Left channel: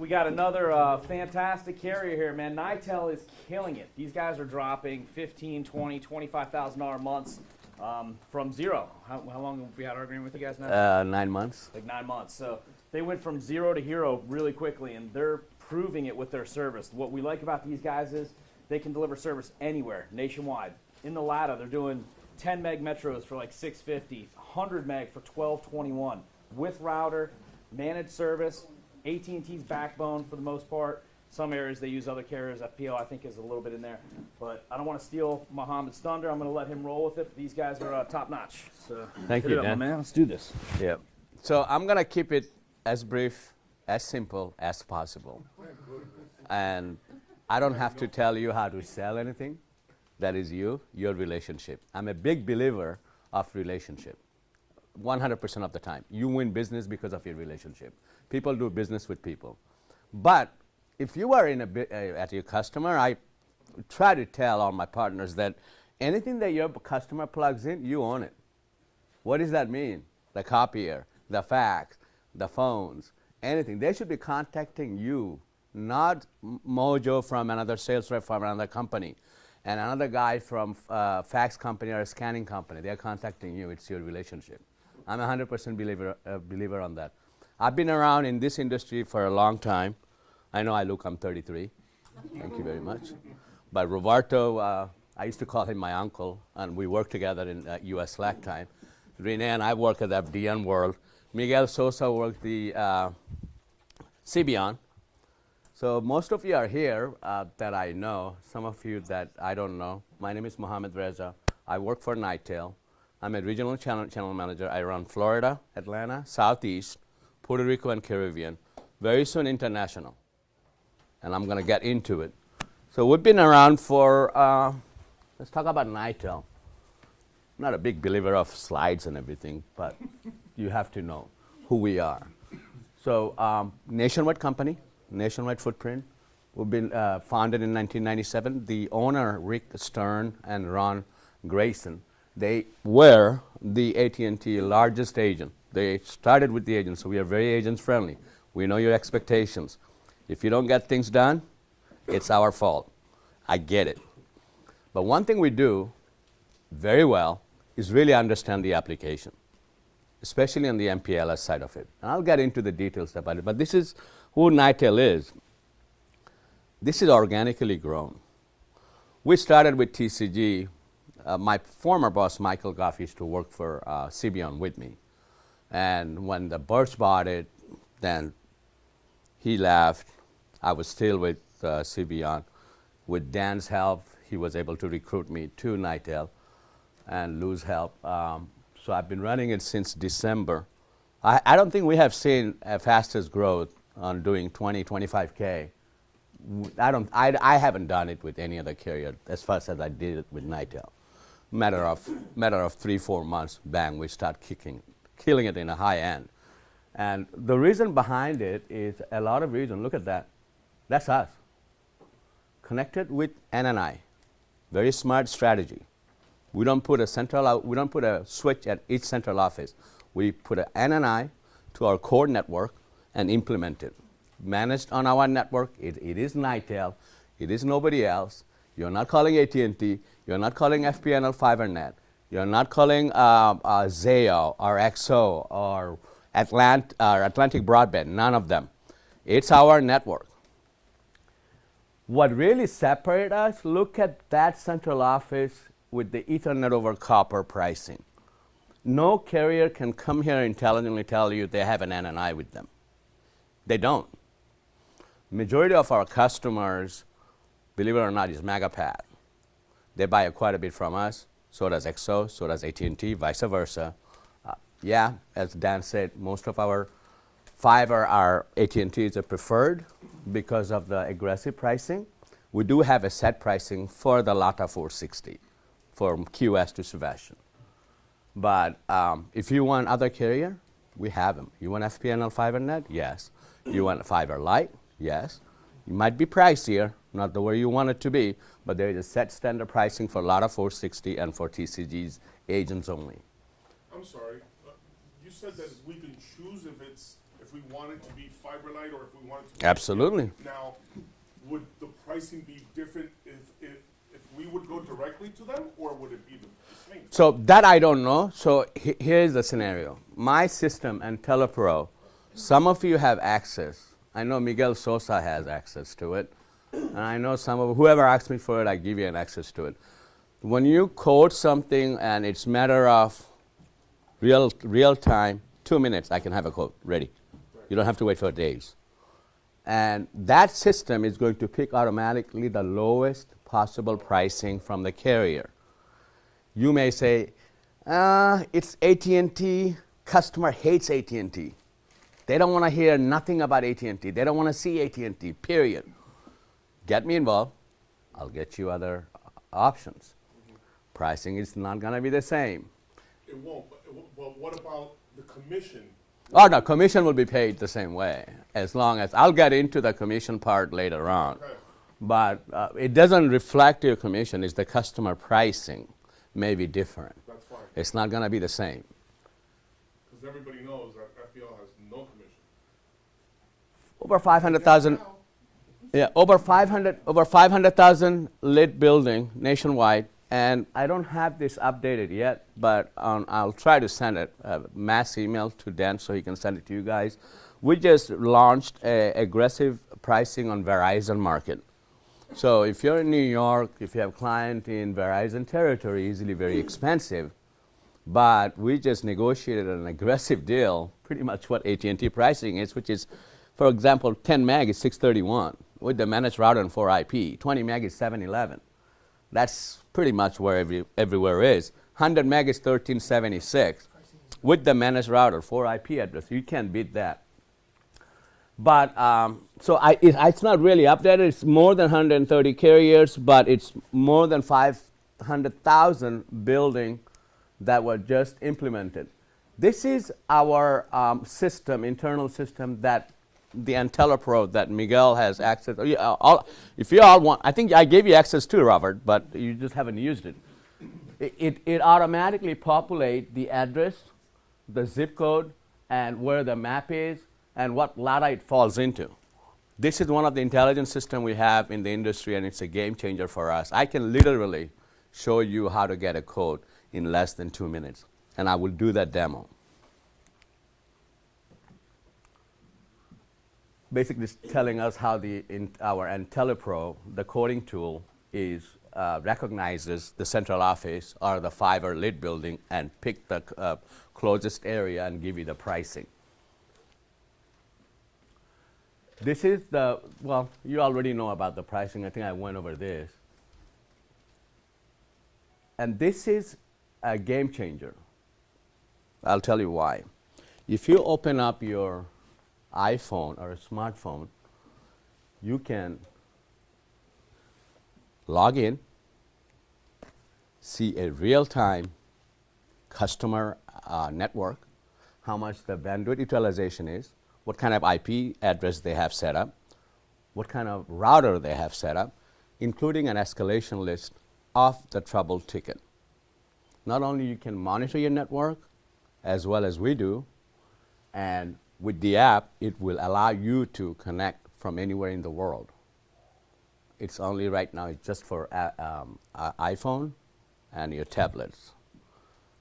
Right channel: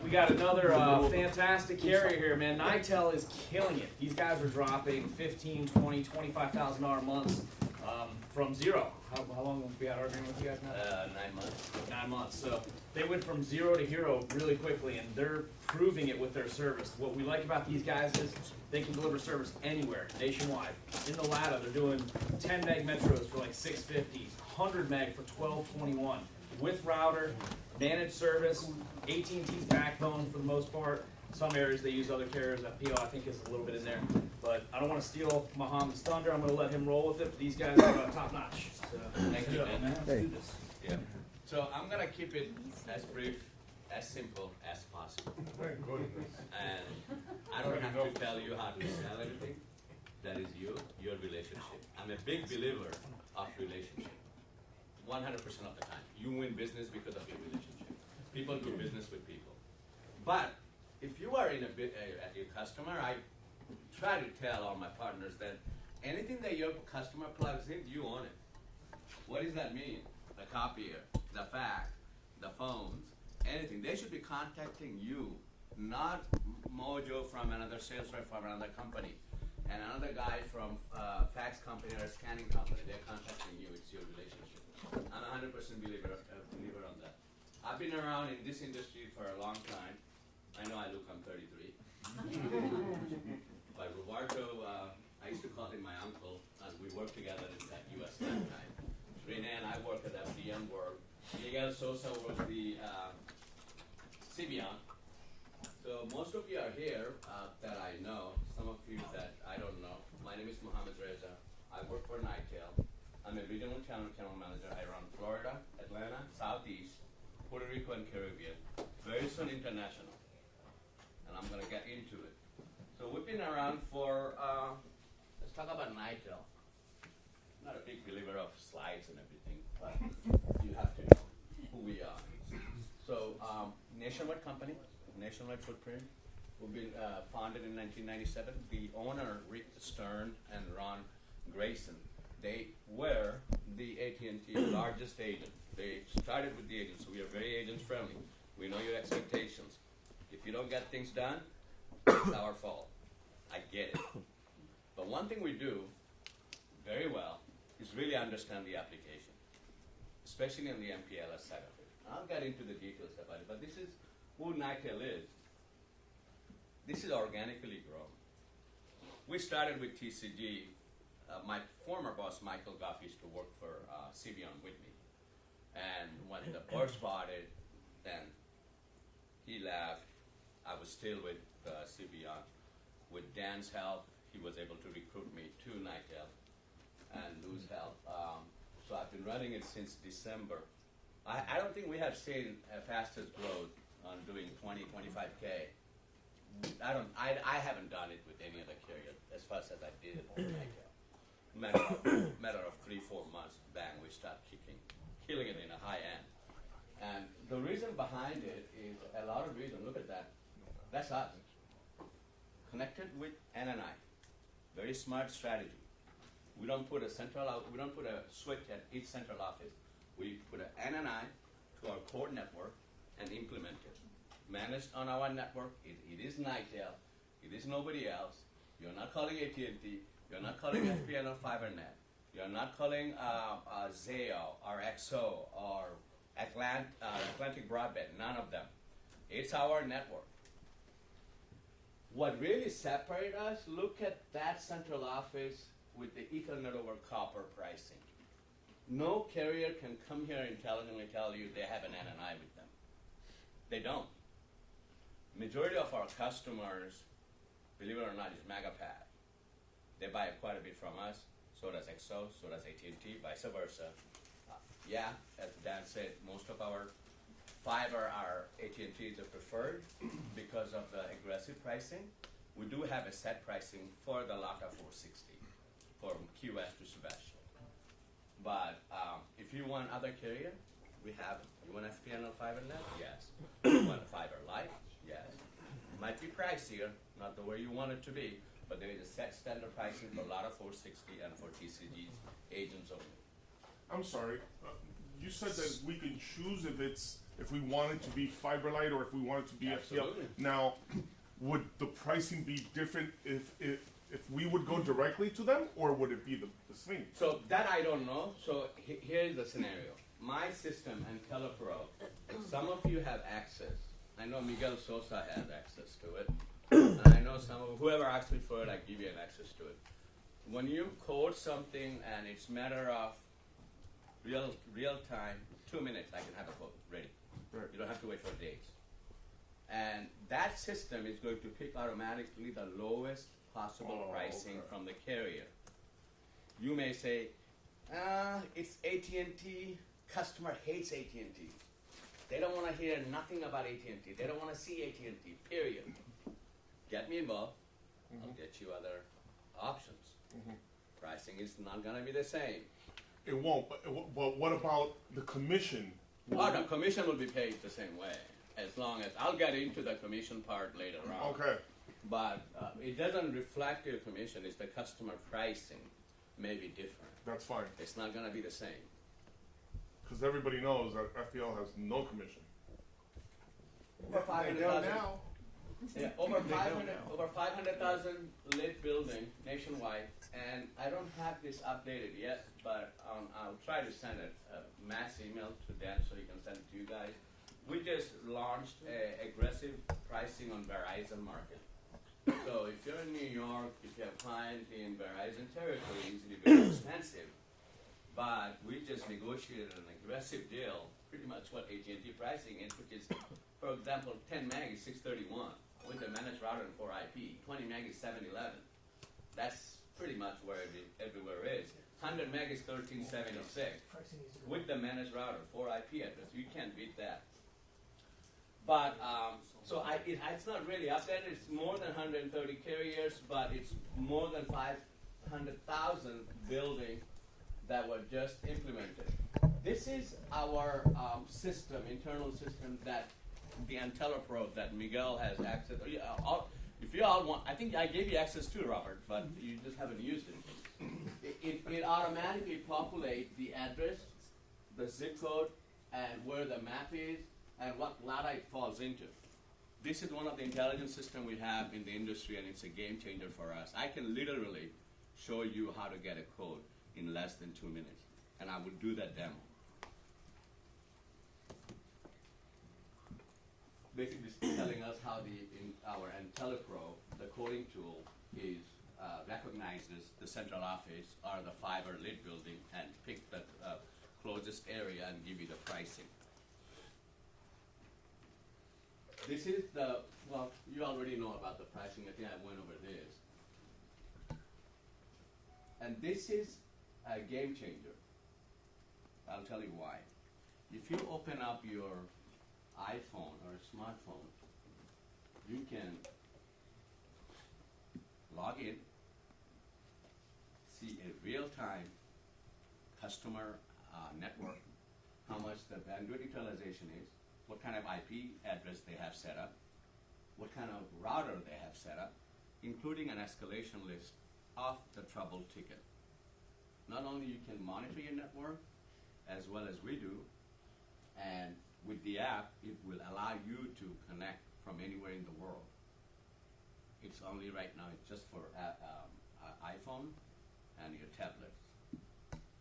We got another fantastic carrier here, man. Nitel is killing it. These guys are dropping $15,000, $20,000, $25,000 months from zero. How long have we had our agreement with you guys now? 9 months. 9 months. So they went from zero to hero really quickly, and they're proving it with their service. What we like about these guys is they can deliver service anywhere, nationwide. In the LATA, they're doing 10 meg metros for like $650, 100 meg for $1221, with router, managed service. AT&T's backbone for the most part. Some areas they use other carriers. FPO I think is a little bit in there. But I don't want to steal Mohammed's thunder. I'm going to let him roll with it. These guys are top notch. So Thank you, Dan. man. Let's do this. Yeah. So I'm going to keep it as brief, as simple as possible. And I don't have to tell you how to sell anything. That is your relationship. I'm a big believer of relationship. 100% of the time. You win business because of your relationship. People do business with people. But if you are at your customer, I try to tell all my partners that anything that your customer plugs in, you own it. What does that mean? The copier, the fax, the phones, anything. They should be contacting you, not Mojo from another sales rep from another company, and another guy from fax company or a scanning company. They're contacting you. It's your relationship. I'm a 100% believer on that. I've been around in this industry for a long time. I know I'm 33. Thank you very much. But Roberto, I used to call him my uncle, and we worked together in US Slack time. Rene and I worked at FDN World. Miguel Sosa worked the CBN. So most of you are here that I know, some of you that I don't know. My name is Mohammed Reza. I work for Nitel. I'm a regional channel manager. I run Florida, Atlanta, Southeast, Puerto Rico, and Caribbean. Very soon international. And I'm going to get into it. So we've been around for, let's talk about Nitel. I'm not a big believer of slides and everything, but you have to know who we are. So nationwide company, nationwide footprint. We've been founded in 1997. The owner, Rick Stern and Ron Grayson, they were the AT&T largest agent. They started with the agents, so we are very agent-friendly. We know your expectations. If you don't get things done, it's our fault. I get it. But one thing we do very well is really understand the application, especially on the MPLS side of it. And I'll get into the details about it, but this is who Nitel is. This is organically grown. We started with TCG. My former boss, Michael Goff, used to work for CBN with me. And when the Burst bought it, then he left. I was still with CBN. With Dan's help, he was able to recruit me to Nitel, and Lou's help. So I've been running it since December. I don't think we have seen a fastest growth on doing 20, 25K. I haven't done it with any other carrier as fast as I did it with Nitel. Matter of 3-4 months, bang, we start killing it in a high end. And the reason behind it is a lot of reasons. Look at that. That's us. Connected with NNI. Very smart strategy. We don't put a switch at each central office. We put an NNI to our core network and implement it. Managed on our network, it is Nitel. It is nobody else. You're not calling AT&T. You're not calling FPNL FiberNet. You're not calling Zayo or XO or Atlantic Broadband, none of them. It's our network. What really separates us, look at that central office with the Ethernet over copper pricing. No carrier can come here and intelligently tell you they have an NNI with them. They don't. Majority of our customers, believe it or not, is MegaPath. They buy quite a bit from us. So does XO, so does AT&T, vice versa. Yeah, as Dan said, most of our fiber are AT&T is a preferred because of the aggressive pricing. We do have a set pricing for the LATA 460 from QS to Sebastian. But if you want other carrier, we have them. You want FPNL FiberNet? Yes. You want Fiber Lite? Yes. It might be pricier, not the way you want it to be, but there is a set standard pricing for LATA 460 and for TCG's agents only. I'm sorry. You said that we can choose if if we wanted to be fiber light or if we wanted to be Absolutely. Now, would the pricing be different if we would go directly to them, or would it be the same? So that I don't know. So here's the scenario. My system and Telepro, some of you have access. I know Miguel Sosa has access to it. And I know some of whoever asks me for it, I give you an access to it. When you code something and it's matter of real time, 2 minutes, I can have a code ready. Right. You don't have to wait for days. And that system is going to pick automatically the lowest possible pricing from the carrier. You may say, it's AT&T, customer hates AT&T. They don't want to hear nothing about AT&T. They don't want to see AT&T, period. Get me involved, I'll get you other options. Pricing is not going to be the same. It won't, but what about the commission? Oh, no, commission will be paid the same way, as long as, I'll get into the commission part later on. Okay. But it doesn't reflect your commission, it's the customer pricing may be different. That's fine, It's not going to be the same. because everybody knows that FPL has no commission. Over 500,000, yeah, over 500,000 lit building nationwide, and I don't have this updated yet, but I'll try to send it, a mass email to Dan so he can send it to you guys. We just launched aggressive pricing on Verizon market. So if you're in New York, if you have client in Verizon territory, easily very expensive, but we just negotiated an aggressive deal, pretty much what AT&T pricing is, which is, for example, 10 meg is 631 with the managed router and 4 IP. 20 meg is 711. That's pretty much where everywhere is. 100 meg is 1376 with the managed router, 4 IP address. You can't beat that. But so it's not really updated. It's more than 130 carriers, but it's more than 500,000 building that were just implemented. This is our system, internal system that the IntelliPro that Miguel has access. If you all want, I think I gave you access too, Robert, but you just haven't used it. It automatically populates the address, the zip code, and where the map is, and what LADA it falls into. This is one of the intelligence systems we have in the industry, and it's a game changer for us. I can literally show you how to get a code in less than 2 minutes, and I will do that demo. Basically, it's telling us how our IntelliPro, the coding tool, is recognizes the central office or the fiber lit building and pick the closest area and give you the pricing. This is well, you already know about the pricing. I think I went over this. And this is a game changer. I'll tell you why. If you open up your iPhone or a smartphone, you can log in, see a real-time customer network, how much the bandwidth utilization is, what kind of IP address they have set up, what kind of router they have set up, including an escalation list of the trouble ticket. Not only you can monitor your network, as well as we do, and with the app, it will allow you to connect from anywhere in the world. It's only right now, it's just for iPhone and your tablets,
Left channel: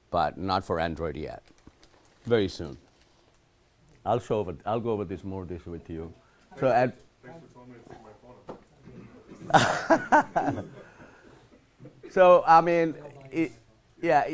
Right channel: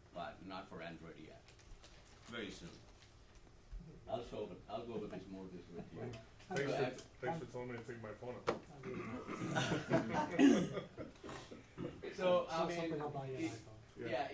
but not for Android yet. Very soon. I'll go over this more with you. Thanks for telling me to take my phone out. So, I mean,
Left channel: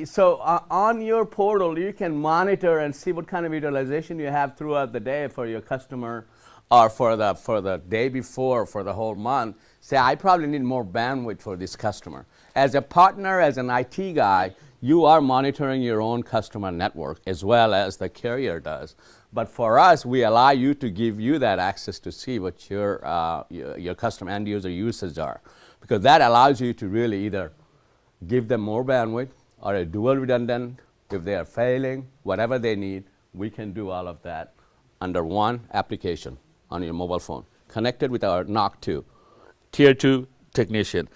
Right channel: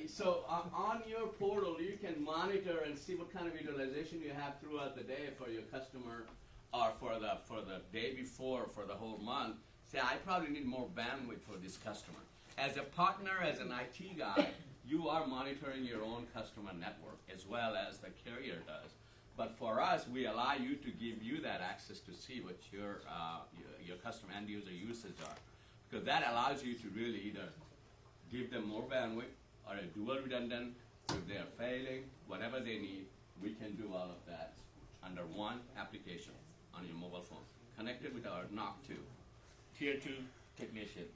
so on your portal, you can monitor and see what kind of utilization you have throughout the day for your customer or for the day before, for the whole month. Say, I probably need more bandwidth for this customer. As a partner, as an IT guy, you are monitoring your own customer network as well as the carrier does. But for us, we allow you to give you that access to see what your customer end user uses are. Because that allows you to really either give them more bandwidth or a dual redundant. If they are failing, whatever they need, we can do all of that under one application on your mobile phone, connected with our NOC 2, Tier 2 technician.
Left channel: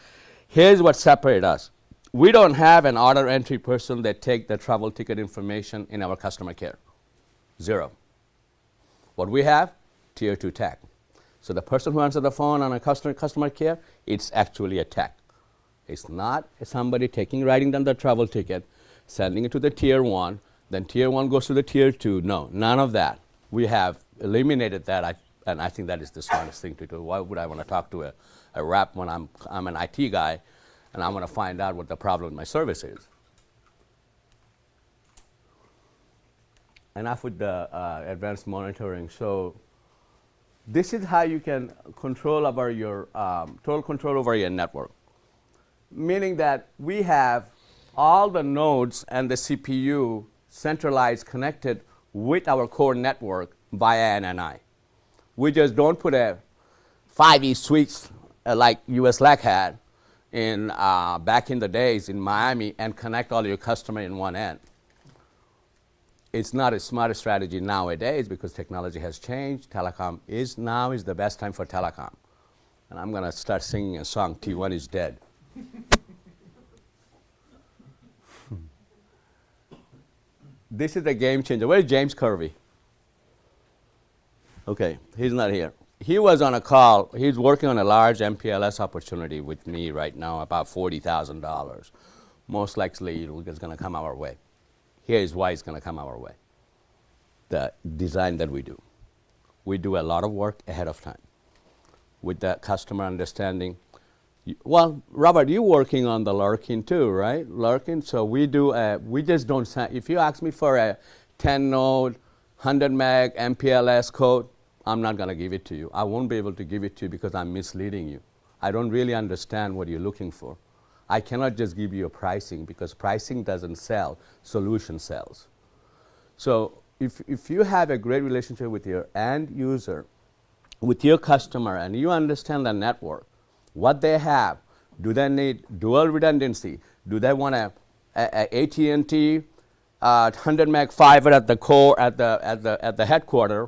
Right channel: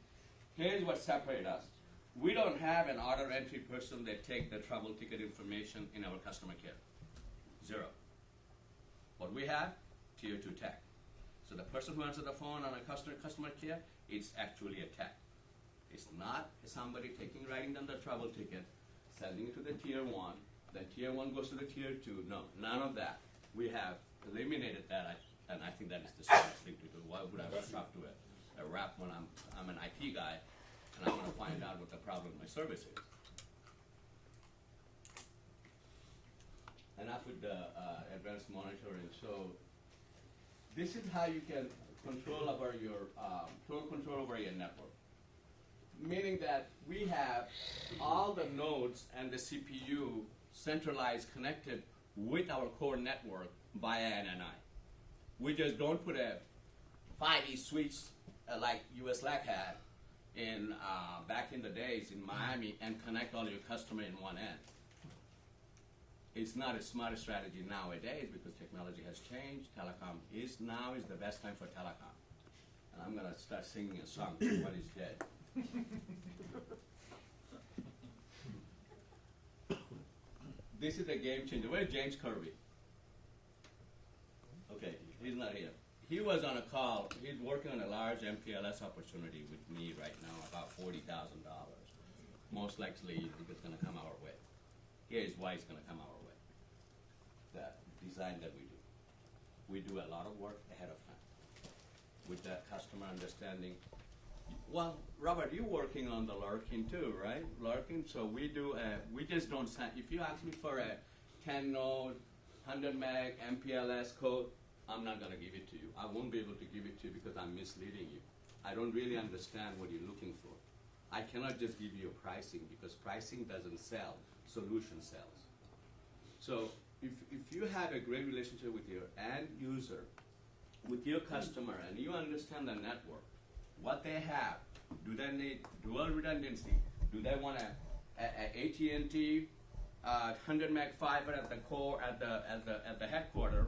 Here's what separates us. We don't have an order entry person that take the travel ticket information in our customer care. Zero. What we have, tier 2 tech. So the person who answers the phone on a customer care, it's actually a tech. It's not somebody writing down the travel ticket, sending it to the tier 1, then tier 1 goes to the tier 2. No, none of that. We have eliminated that, and I think that is the smartest thing to do. Why would I want to talk to a rep when I'm an IT guy and I want to find out what the problem with my service is? Enough with the advanced monitoring. So this is how you can control over your total control over your network. Meaning that we have all the nodes and the CPU centralized, connected with our core network via NNI. We just don't put a 5E switch like US LAC had in back in the days in Miami and connect all your customer in one end. It's not a smart strategy nowadays because technology has changed. Telecom is the best time for telecom. And I'm going to start singing a song, T1 is dead. This is a game changer. Where's James Kirby? Okay, he's not here. He was on a call. He's working on a large MPLS opportunity with me right now, about $40,000. Most likely it's going to come our way. Here's why it's going to come our way. The design that we do. We do a lot of work ahead of time with that customer understanding. Well, Robert, you're working on the Larkin too, right? Larkin, so we just don't send, if you ask me for a 10 node, 100 meg MPLS code, I'm not going to give it to you. I won't be able to give it to you because I'm misleading you. I don't really understand what you're looking for. I cannot just give you a pricing because pricing doesn't sell, solution sells. So if you have a great relationship with your end user, with your customer, and you understand the network, what they have, do they need dual redundancy? Do they want a AT&T 100 meg fiber at the core, at the headquarter,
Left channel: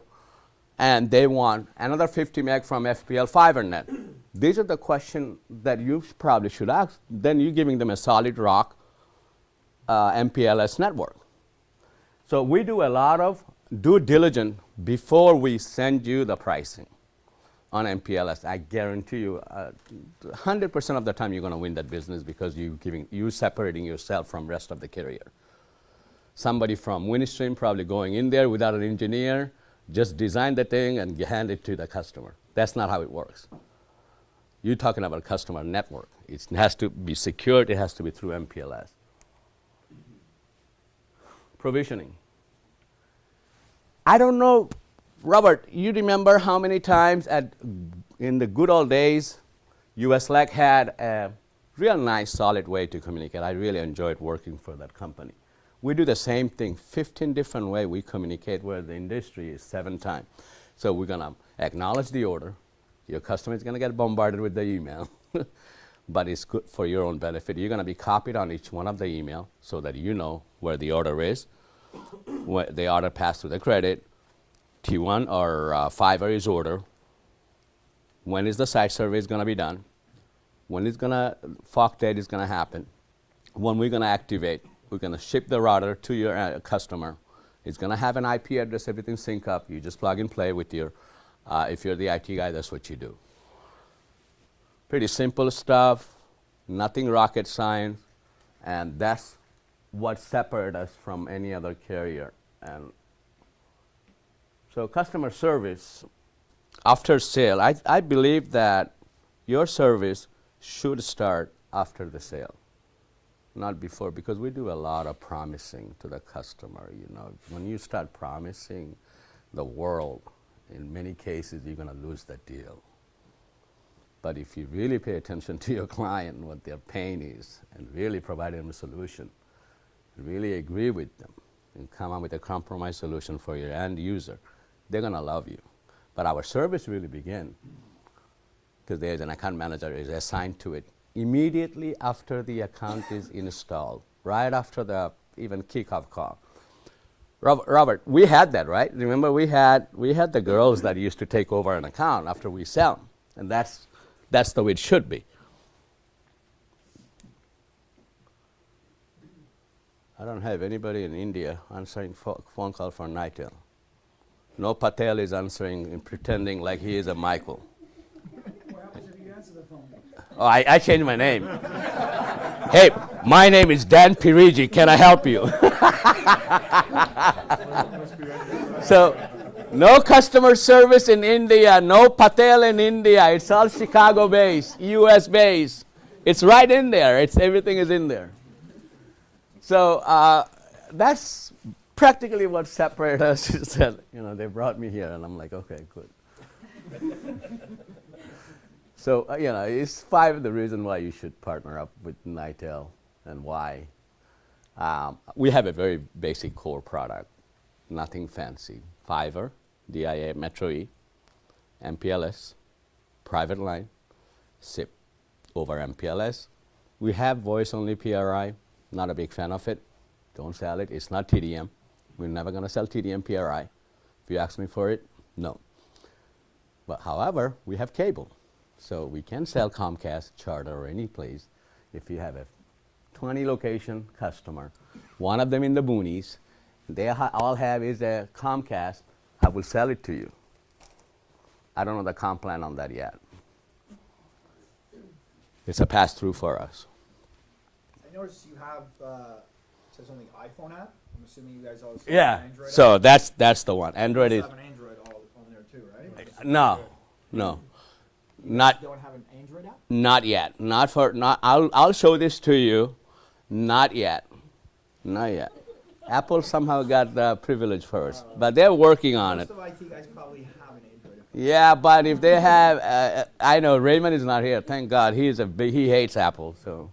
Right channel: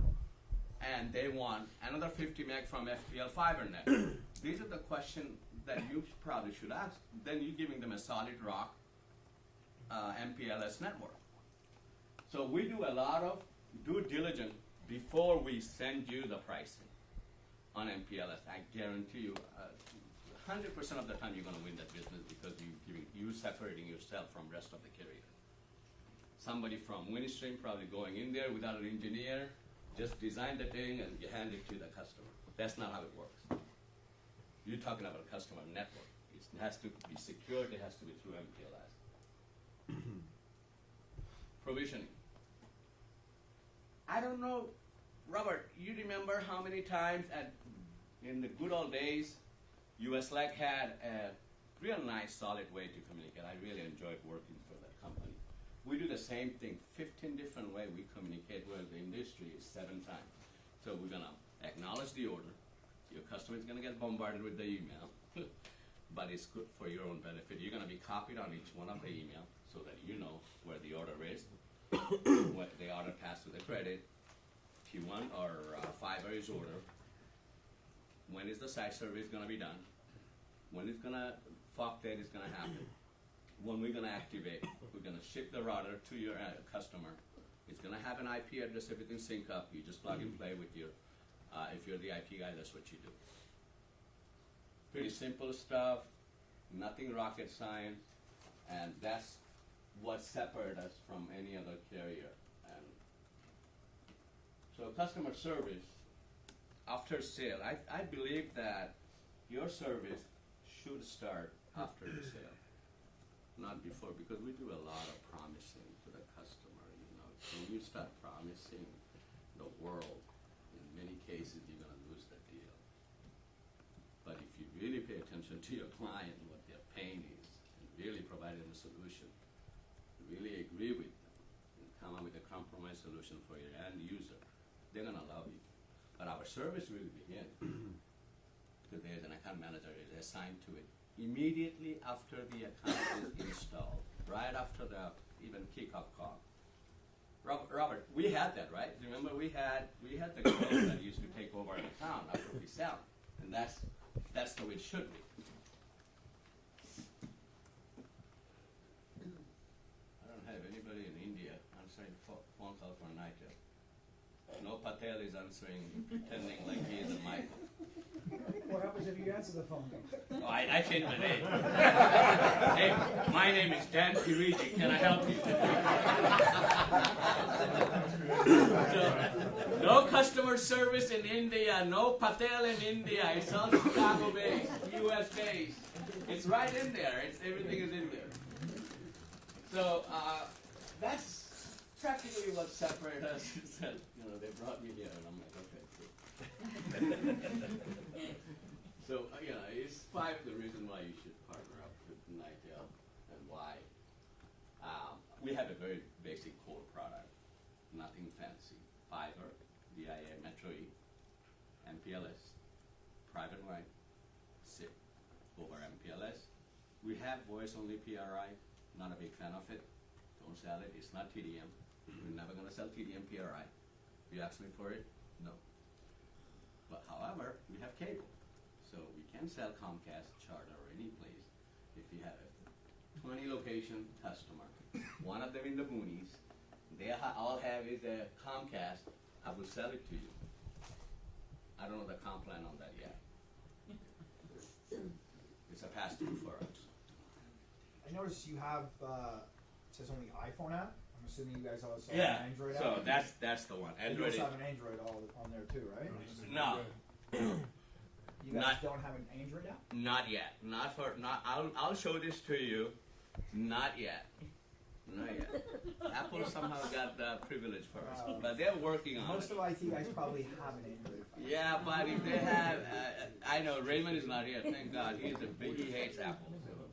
and they want another 50 meg from FPL fiber net? These are the questions that you probably should ask. Then you're giving them a solid rock MPLS network. So we do a lot of due diligence before we send you the pricing on MPLS. I guarantee you 100% of the time you're going to win that business because you're separating yourself from rest of the carrier. Somebody from Winstream probably going in there without an engineer, just design the thing and hand it to the customer. That's not how it works. You're talking about customer network. It has to be secured. It has to be through MPLS. Provisioning. I don't know, Robert, you remember how many times in the good old days, US LAC had a real nice, solid way to communicate. I really enjoyed working for that company. We do the same thing, 15 different ways we communicate, where the industry is 7 times. So we're going to acknowledge the order. Your customer is going to get bombarded with the email, but it's good for your own benefit. You're going to be copied on each one of the email so that you know where the order is, where the order passed through the credit, T1 or fiber is order, when is the site survey is going to be done, when is FOC date is going to happen, when we're going to activate, we're going to ship the router to your customer. It's going to have an IP address, everything sync up. You just plug and play with your, if you're the IT guy, that's what you do. Pretty simple stuff, nothing rocket science, and that's what separates us from any other carrier. And so customer service, after sale, I believe that your service should start after the sale, not before, because we do a lot of promising to the customer. You know, when you start promising the world, in many cases you're going to lose the deal. But if you really pay attention to your client, what their pain is, and really provide them a solution, really agree with them, and come up with a compromise solution for your end user, they're going to love you. But our service really begins because there's an account manager is assigned to it immediately after the account is installed, right after the even kickoff call. Robert, we had that, right? Remember, we had the girls that used to take over an account after we sell, and that's the way it should be. I don't have anybody in India answering phone call for Nitel. No Patel is answering and pretending like he is a Michael. What happens if you answer the phone? Oh, I changed my name. Hey, my name is Dan Pirigi. Can I help you? So, no customer service in India, no Patel in India. It's all Chicago based, US based. It's right in there. Everything is in there. So that's practically what separated us. Is that, they brought me here, and I'm like, okay, good. So it's 5 of the reasons why you should partner up with Nitel and why. We have a very basic core product, nothing fancy. Fiber, DIA, Metro E, MPLS, private line, SIP over MPLS. We have voice-only PRI, not a big fan of it. Don't sell it, it's not TDM. We're never gonna sell TDM PRI. If you ask me for it, no. But however, we have cable. So we can sell Comcast, Charter, or any place. If you have a 20 location customer, one of them in the boonies, they all have is a Comcast, I will sell it to you. I don't know the comp plan on that yet. It's a pass-through for us. I noticed you have, it says only iPhone app. I'm assuming you guys all have Yeah, an Android so app. that's the one. Android You is, guys have an Android all on there too, right? no. You guys Not don't have an Android app? Not yet. I'll show this to you. Not yet. Not yet. Apple somehow got the privilege first, but they're working on it. Most of IT guys probably have an Android app. Yeah, but if they have, I know Raymond is not here. Thank God, he hates Apple. So,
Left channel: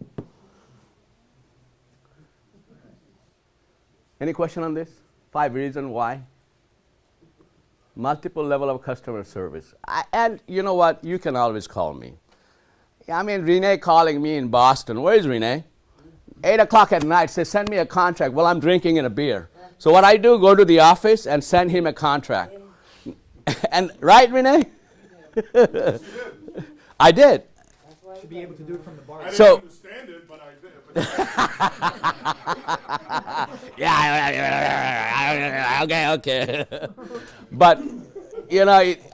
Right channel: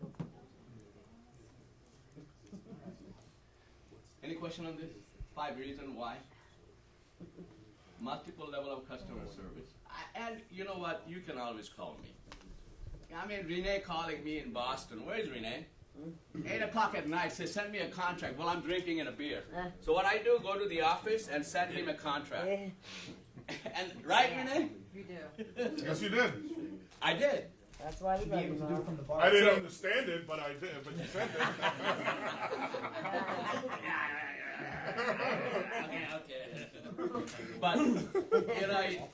any question on this? 5 reasons why. Multiple level of customer service. And you know what? You can always call me. I mean, Renee calling me in Boston. Where is Renee? 8 o'clock at night says, send me a contract. Well, I'm drinking in a beer. So what I do, go to the office and send him a contract. And right, Renee? Yes, you did. I did. That's why be able to do it from the bar. I didn't So- understand it, but I did. Yeah, okay. But,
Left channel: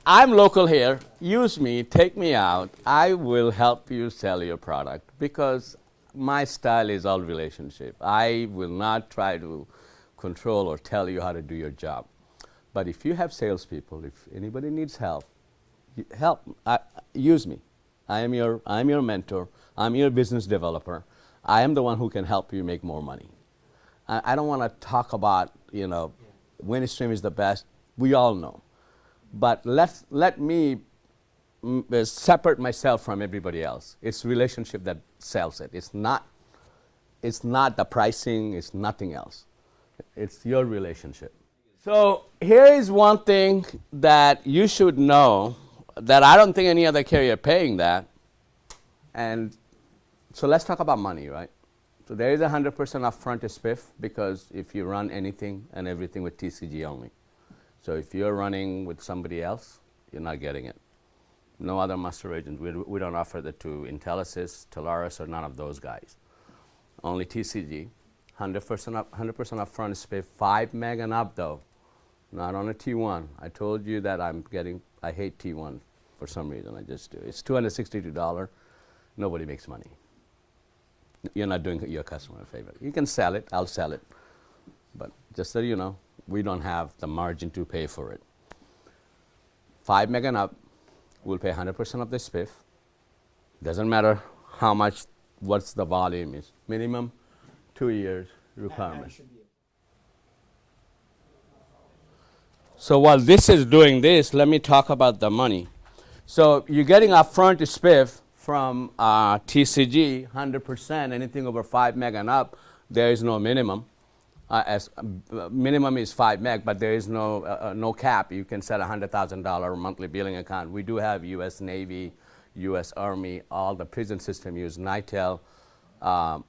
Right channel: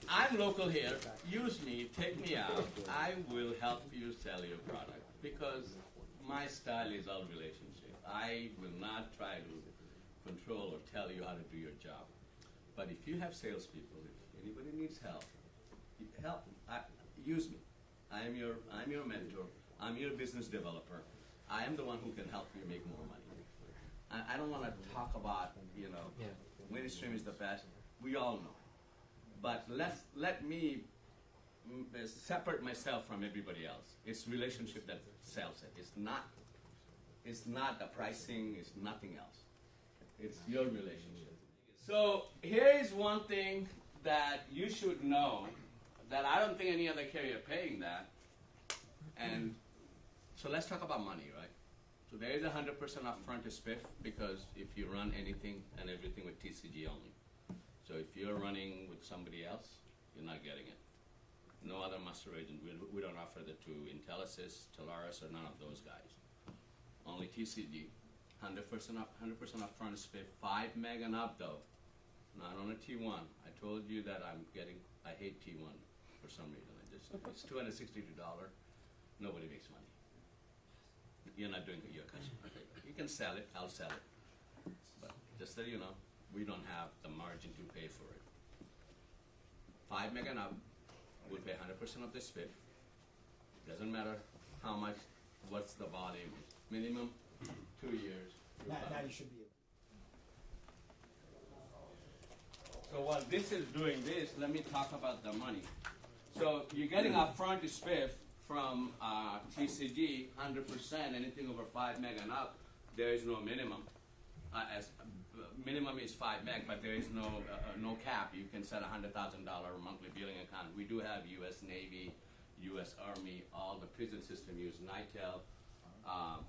I'm local here. Use me, take me out. I will help you sell your product because my style is all relationship. I will not try to control or tell you how to do your job. But if you have salespeople, if anybody needs help, use me. I'm your mentor. I'm your business developer. I am the one who can help you make more money. I don't want to talk about, Winstream is the best. We all know. But let me separate myself from everybody else. It's relationship that sells it. It's not the pricing, it's nothing else. It's your relationship. So here is one thing that you should know that I don't think any other carrier paying that. And so let's talk about money, right? So there is 100% upfront spiff because if you run anything and everything with TCG only. So if you're running with somebody else, you're not getting it. No other master agent. We don't offer that to Intelisys, Telarus, or none of those guys. Only TCG. 100% upfront spiff, 5 meg and up though. Not on a T1. I told you that I hate T1 for some reason. I just do. It's $262. Nobody makes money. You're not doing your customer a favor. You can sell it. I'll sell it. But just so you know, we don't have the margin to pay for it. 5 meg and up, we'll pay 100% of the spiff. Doesn't matter how much, what's the volume is. Minimum 2 years requirement. So while this is doing this, let me talk about the money. So you're getting upfront spiff from TCG, 100%, anything over 5 meg and up, there is no minimum. Minimum is 5 meg, but there is no cap. You can set a $100,000 monthly billing account. We do have U.S. Navy, U.S. Army, all the prison system use Nitel,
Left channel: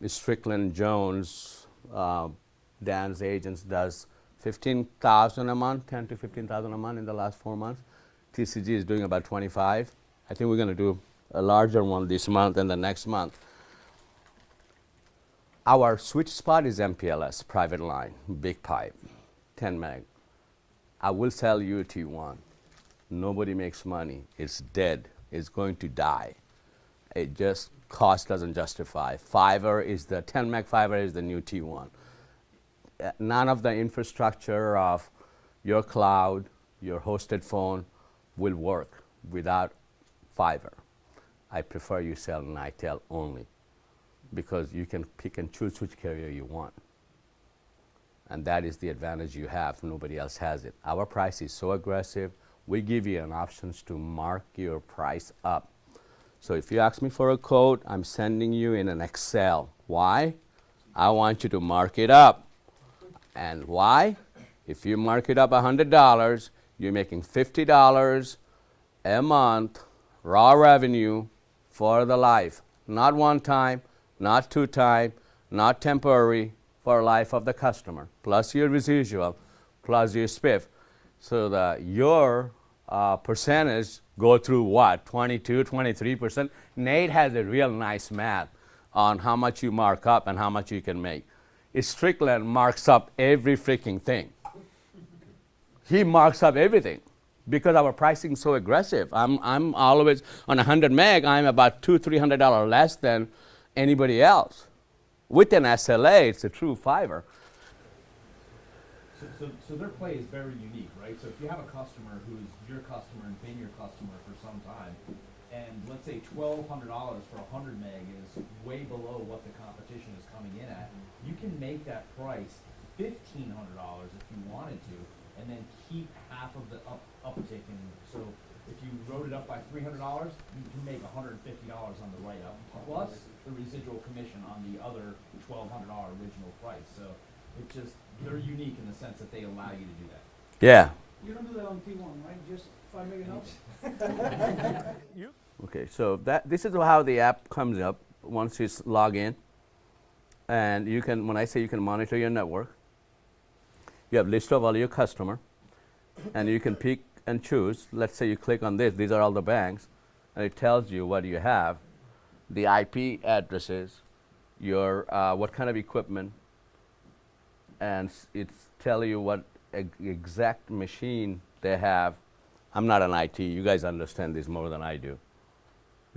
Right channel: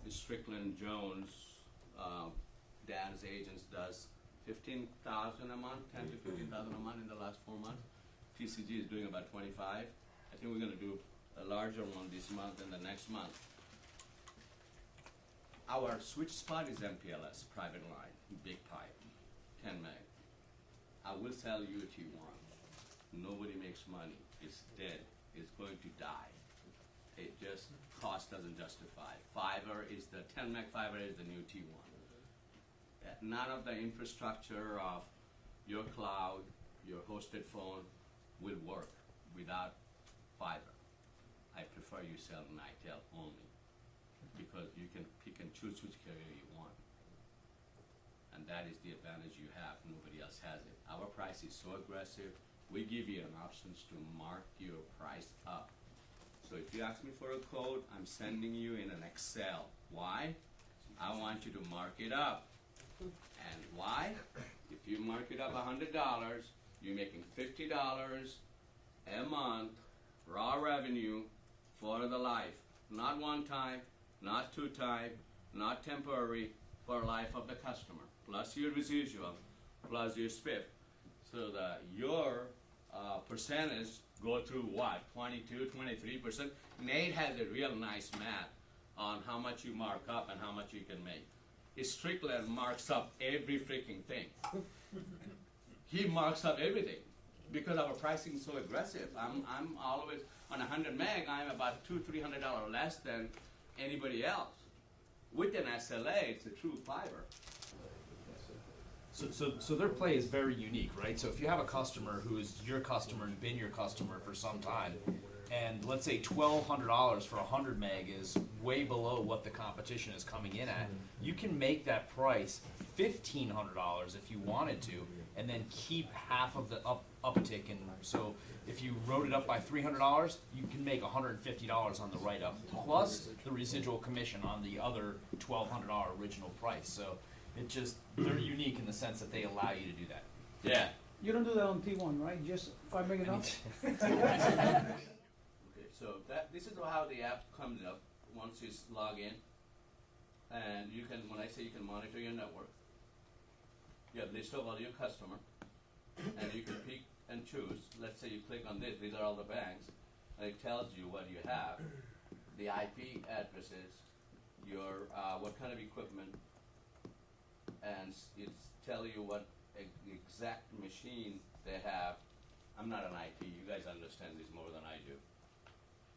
Strickland Jones, Dan's agents does 15,000 a month, 10 to 15,000 a month in the last 4 months. TCG is doing about 25. I think we're going to do a larger one this month and the next month. Our sweet spot is MPLS, private line, big pipe, 10 meg. I will sell you T1. Nobody makes money. It's dead. It's going to die. It just cost doesn't justify. Fiber is the 10 meg fiber is the new T1. None of the infrastructure of your cloud, your hosted phone will work without fiber. I prefer you sell Nitel only because you can pick and choose which carrier you want. And that is the advantage you have. Nobody else has it. Our price is so aggressive. We give you an options to mark your price up. So if you ask me for a quote, I'm sending you in an Excel. Why? I want you to mark it up. And why? If you mark it up $100, you're making $50 a month raw revenue for the life. Not one time, not two time, not temporary, for life of the customer, plus your residual, plus your spiff. So that your percentage go through what, 22, 23%? Nate has a real nice math on how much you mark up and how much you can make. Strickland marks up every freaking thing. He marks up everything because our pricing is so aggressive. I'm always on 100 meg, I'm about $200-300 less than anybody else. With an SLA, it's a true fiber. So their play is very unique, right? So if you have a customer who is your customer and been your customer for some time, and let's say $1,200 for 100 meg is way below what the competition is coming in at, you can make that price $1,500 if you wanted to, and then keep half of the uptick. And so if you wrote it up by $300, you can make $150 on the write-up, plus the residual commission on the other $1,200 original price. So it just, they're unique in the sense that they allow you to do that. Yeah. You don't do that on T1, right? Just if I bring it up. Okay, so this is how the app comes up once you log in. And you can, when I say you can monitor your network, you have list of all your customer, and you can pick and choose. Let's say you click on this, these are all the banks, and it tells you what you have, the IP addresses, your what kind of equipment, and it's tell you what exact machine they have. I'm not an IT, you guys understand this more than I do.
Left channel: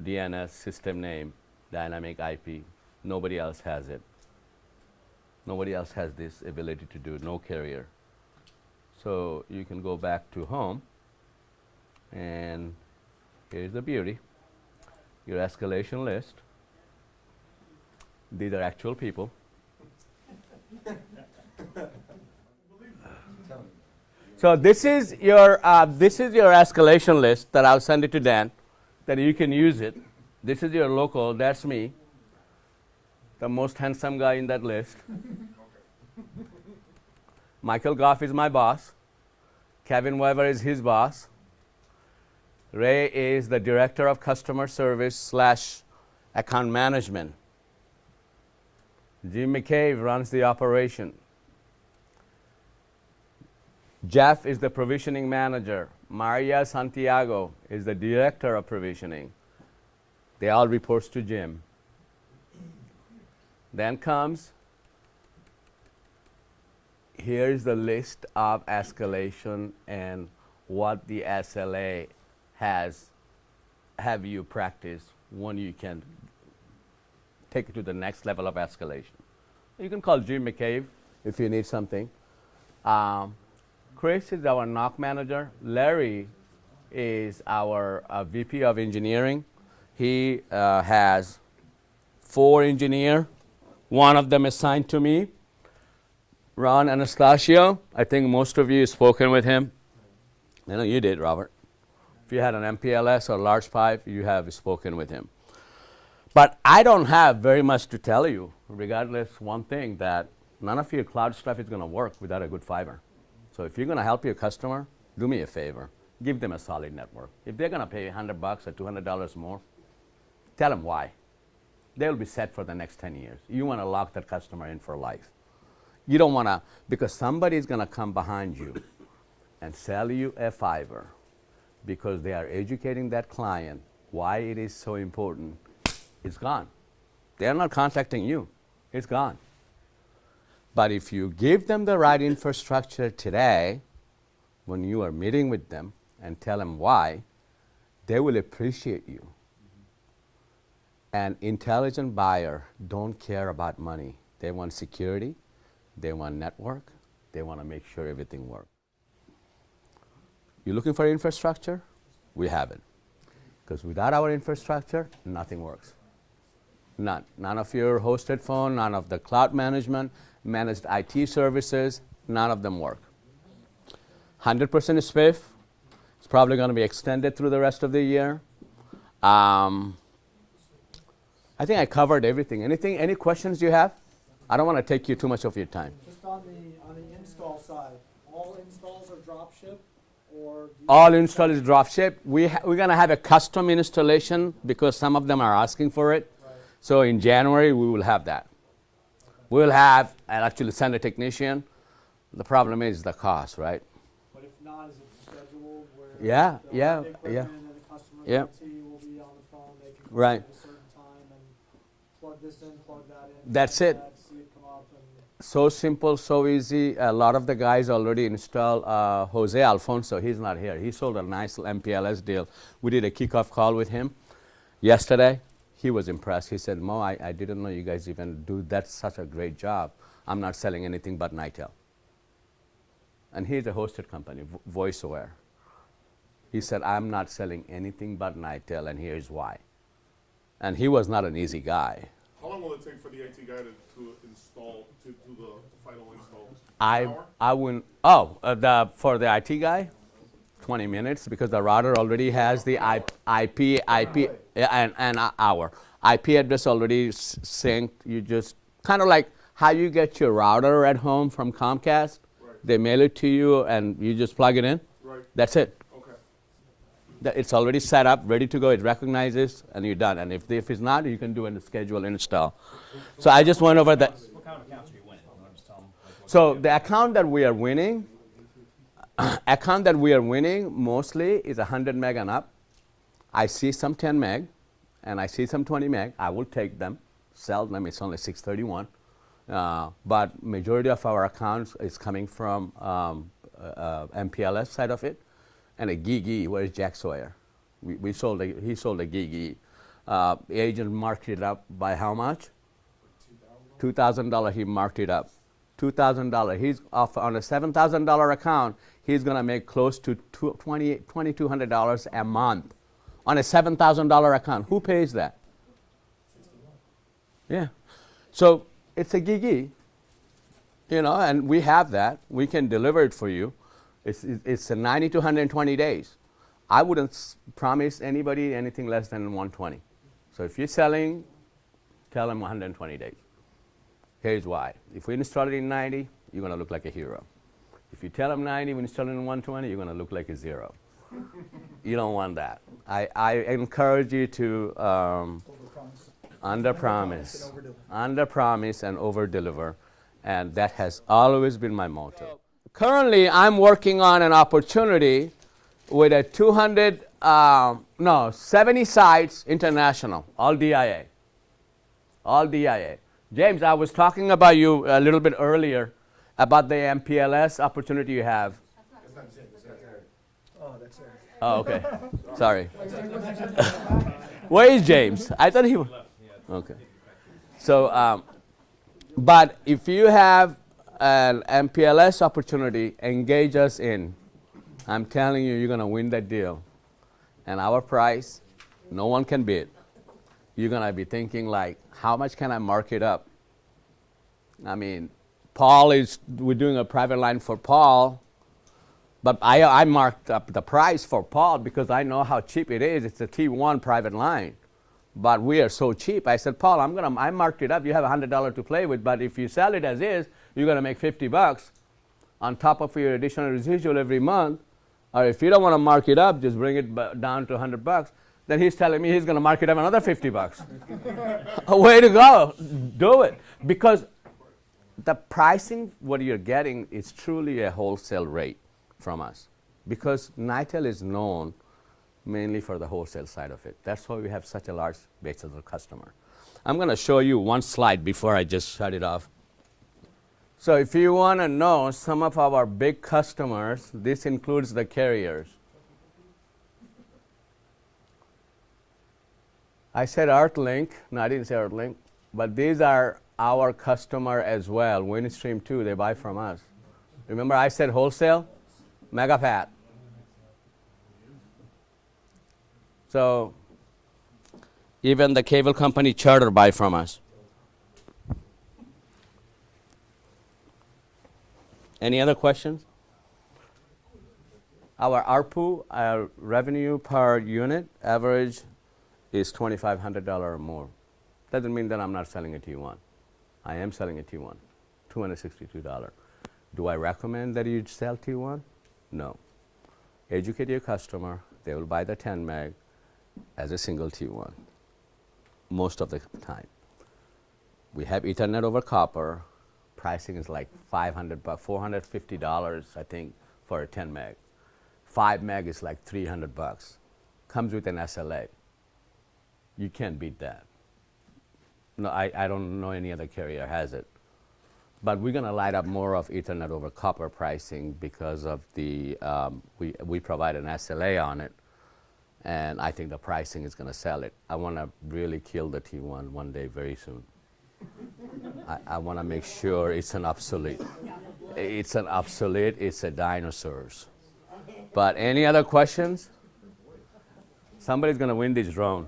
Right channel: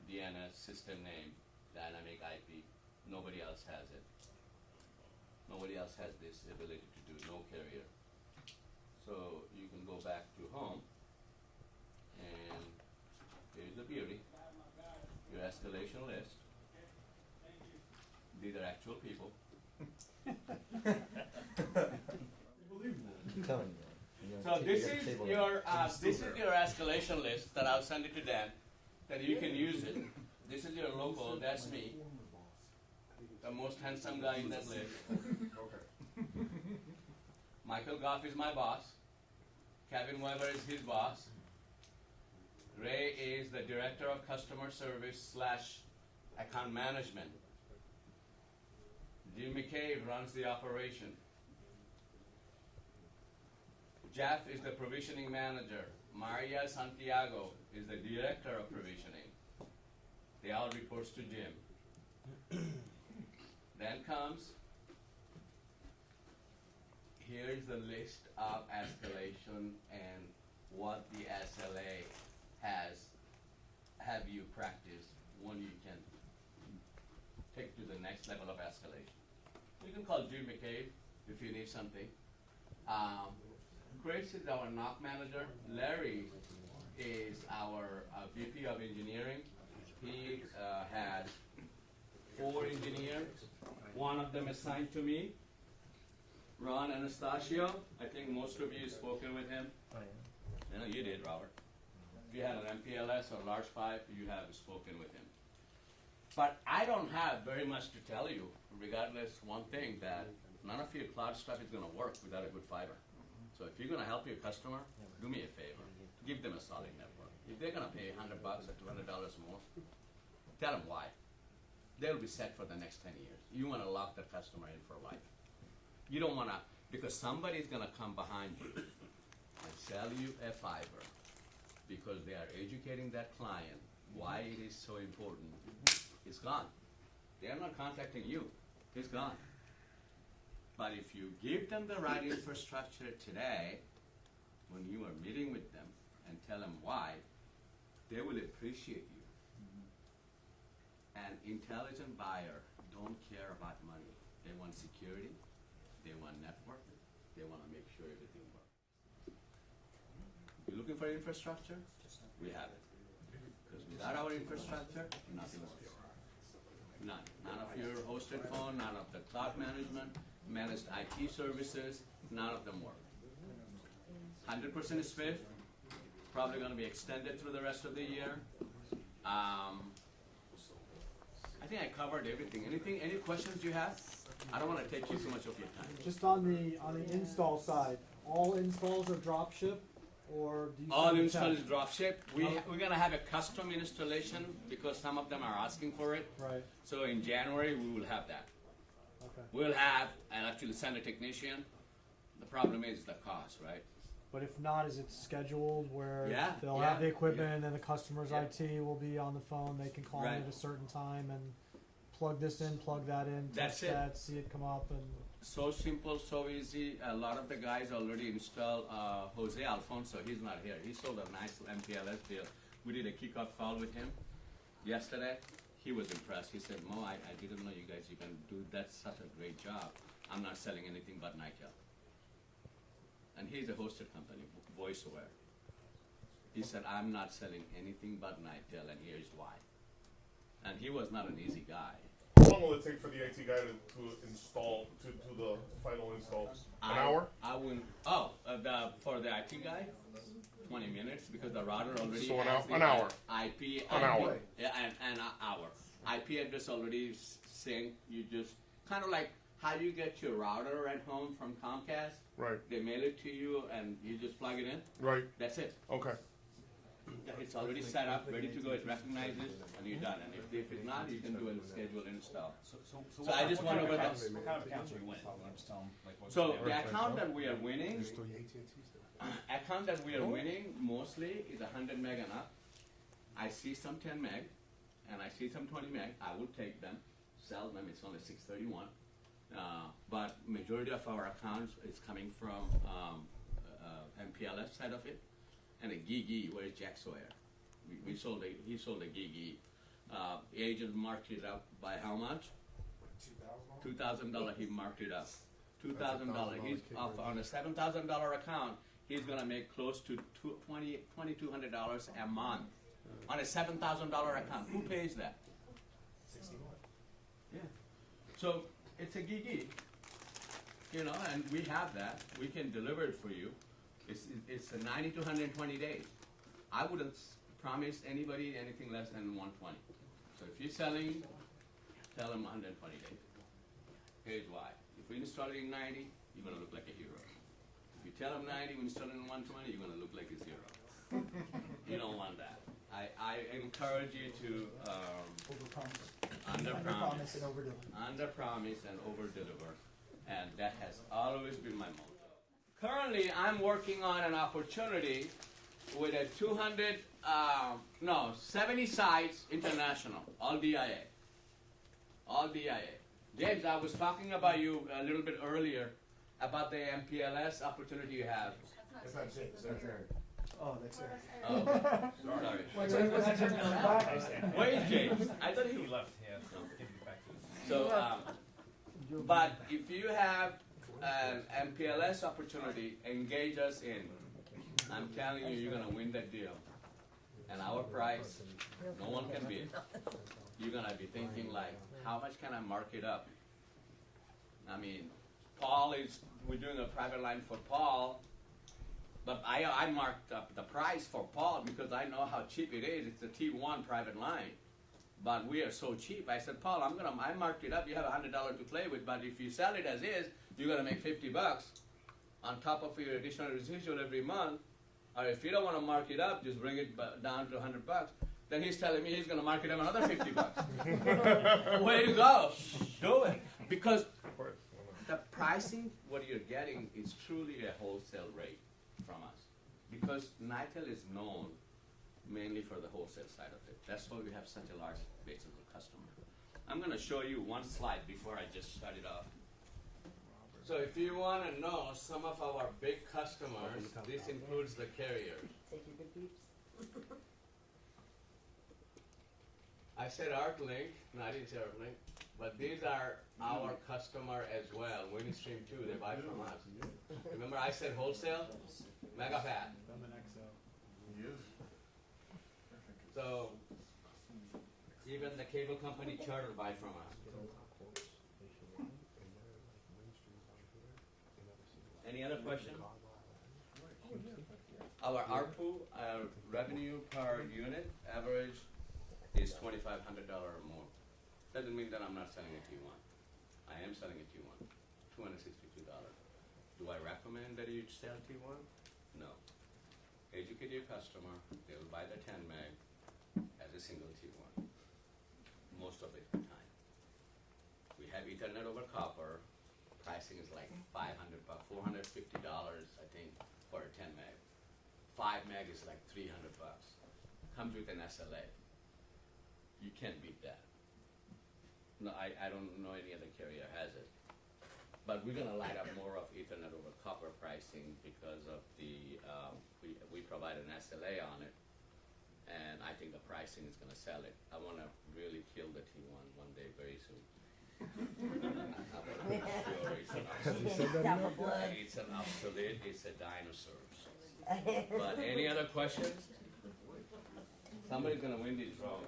DNS, system name, dynamic IP, nobody else has it. Nobody else has this ability to do, no carrier. So you can go back to home, and here's the beauty. Your escalation list. These are actual people. So this is your escalation list that I'll send it to Dan, that you can use it. This is your local, that's me, the most handsome guy in that list. Michael Goff is my boss. Kevin Weber is his boss. Ray is the director of customer service / account management. Jim McCabe runs the operation. Jeff is the provisioning manager. Maria Santiago is the director of provisioning. They all reports to Jim. Then comes, here's the list of escalation and what the SLA has have you practice when you can take it to the next level of escalation. You can call Jim McCabe if you need something. Chris is our NOC manager. Larry is our VP of engineering. He has 4 engineers. One of them assigned to me, Ron Anastasio. I think most of you have spoken with him. I know you did, Robert. If you had an MPLS or large pipe, you have spoken with him. But I don't have very much to tell you, regardless one thing, that none of your cloud stuff is going to work without a good fiber. So if you're going to help your customer, do me a favor. Give them a solid network. If they're going to pay $100 or $200 more, tell them why. They'll be set for the next 10 years. You want to lock that customer in for life. You don't want to, because somebody's going to come behind you and sell you a fiber because they are educating that client why it is so important. It's gone. They're not contacting you. It's gone. But if you give them the right infrastructure today, when you are meeting with them and tell them why, they will appreciate you. An intelligent buyer don't care about money. They want security, they want network, they want to make sure everything works. You're looking for infrastructure? We have it. Because without our infrastructure, nothing works. None. None of your hosted phone, none of the cloud management, managed IT services, none of them work. 100% is SPIF. It's probably going to be extended through the rest of the year. I think I covered everything. Any questions you have? I don't want to take you too much of your time. Just on the install side, all installs are drop ship, or do you All install is drop ship. We're going to have a custom installation because some of them are asking for it. Right. So in January, we will have that. Okay. We'll have, and actually send a technician. The problem is the cost, right? But if not, is it scheduled where Yeah, they'll yeah, have the equipment yeah. and the customer's Yeah. IT will be on the phone, they can call Right. at a certain time and plug this in, plug that in. That's test it. that, see it come up, and So simple, so easy. A lot of the guys already installed. Jose Alfonso, he's not here. He sold a nice MPLS deal. We did a kickoff call with him yesterday. He was impressed. He said, Mo, I didn't know you guys even do that's such a great job. I'm not selling anything but Nitel. And he's a hosted company, VoiceAware. He said, I'm not selling anything but Nitel, and here's why. And he was not an easy guy. How long will it take for the IT guy to install, to do the final install? An hour? I wouldn't, for the IT guy, 20 minutes, because the router already has the An IP, yeah, and an hour. IP address already synced. You just, kind of like how you get your router at home from Comcast. Right. They mail it to you and you just plug it in. Right, That's it. okay. It's already set up, ready to go. It recognizes, and you're done. And if it's not, you can do a schedule install. So I just went over that. What kind of accounts are you winning? You wanna just tell 'em, like, what So you do? the account that we are winning mostly is 100 meg and up. I see some 10 meg, and I see some 20 meg. I will take them, sell them. It's only 631. But majority of our accounts is coming from MPLS side of it, and a GIGI. Where's Jack Sawyer? He sold a GIGI. Agent marked it up by how much? $2,000. He marked it up. $2,000. He's off on a $7,000 account. He's gonna make close to $2,200 a month on a $7,000 account. Who pays that? Yeah. So it's a GIGI, and we have that. We can deliver it for you. It's a 90 to 120 days. I wouldn't promise anybody anything less than 120. So if you're selling, tell them 120 days. Here's why. If we install it in 90, you're going to look like a hero. If you tell them 90, we install it in 120, you're going to look like a zero. You don't want that. I encourage you to under promise and over deliver, and that has always been my motto. Currently, I'm working on an opportunity with a 70 sites international, all DIA. All DIA. James, I was talking about you a little bit earlier about the MPLS opportunity you have. Oh, that's it. Oh, okay. Sorry. Where is James? I thought he was. Okay. So, but if you have an MPLS opportunity, engage us in. I'm telling you, you're going to win that deal. And our price, no one can beat. You're going to be thinking like, how much can I mark it up? I mean, we're doing a private line for Paul, but I marked up the price for Paul because I know how cheap it is. It's a T1 private line. But we are so cheap. I said, Paul, I marked it up. You have $100 to play with, but if you sell it as is, you're going to make $50 on top of your additional residual every month. Or if you don't want to mark it up, just bring it down to $100. Then he's telling me he's going to mark it up another $50. Way to go. Do it. Because the pricing, what you're getting is truly a wholesale rate from us. Because Nitel is known mainly for the wholesale side of it. That's why we have such a large base of the customer. I'm going to show you one slide before I just shut it off. So if you want to know some of our big customers, this includes the carriers. I said Earthlink, no, I didn't say Earthlink, but these are our customer as well. Windstream too, they buy from us. Remember I said wholesale? Megapat. So even the cable company Charter buy from us. Any other questions? Our ARPU, our revenue per unit average is $2,500 or more. Doesn't mean that I'm not selling a T1. I am selling a T1, $262. Do I recommend that you sell T1? No. Educate your customer. They will buy the 10 meg as a single T1 most of the time. We have Ethernet over copper. Pricing is like $500, $450, I think, for a 10 meg. 5 meg is like $300. Comes with an SLA. You can't beat that. No, I don't know any other carrier has it. But we're going to light up more of Ethernet over copper pricing because of the, we provide an SLA on it. And I think the pricing is going to sell it. I want to really kill the T1 one day very soon. I want to make sure it's an obsolete. It's an obsolete, it's a dinosaurs. But any other questions? Somebody's going to win this drone.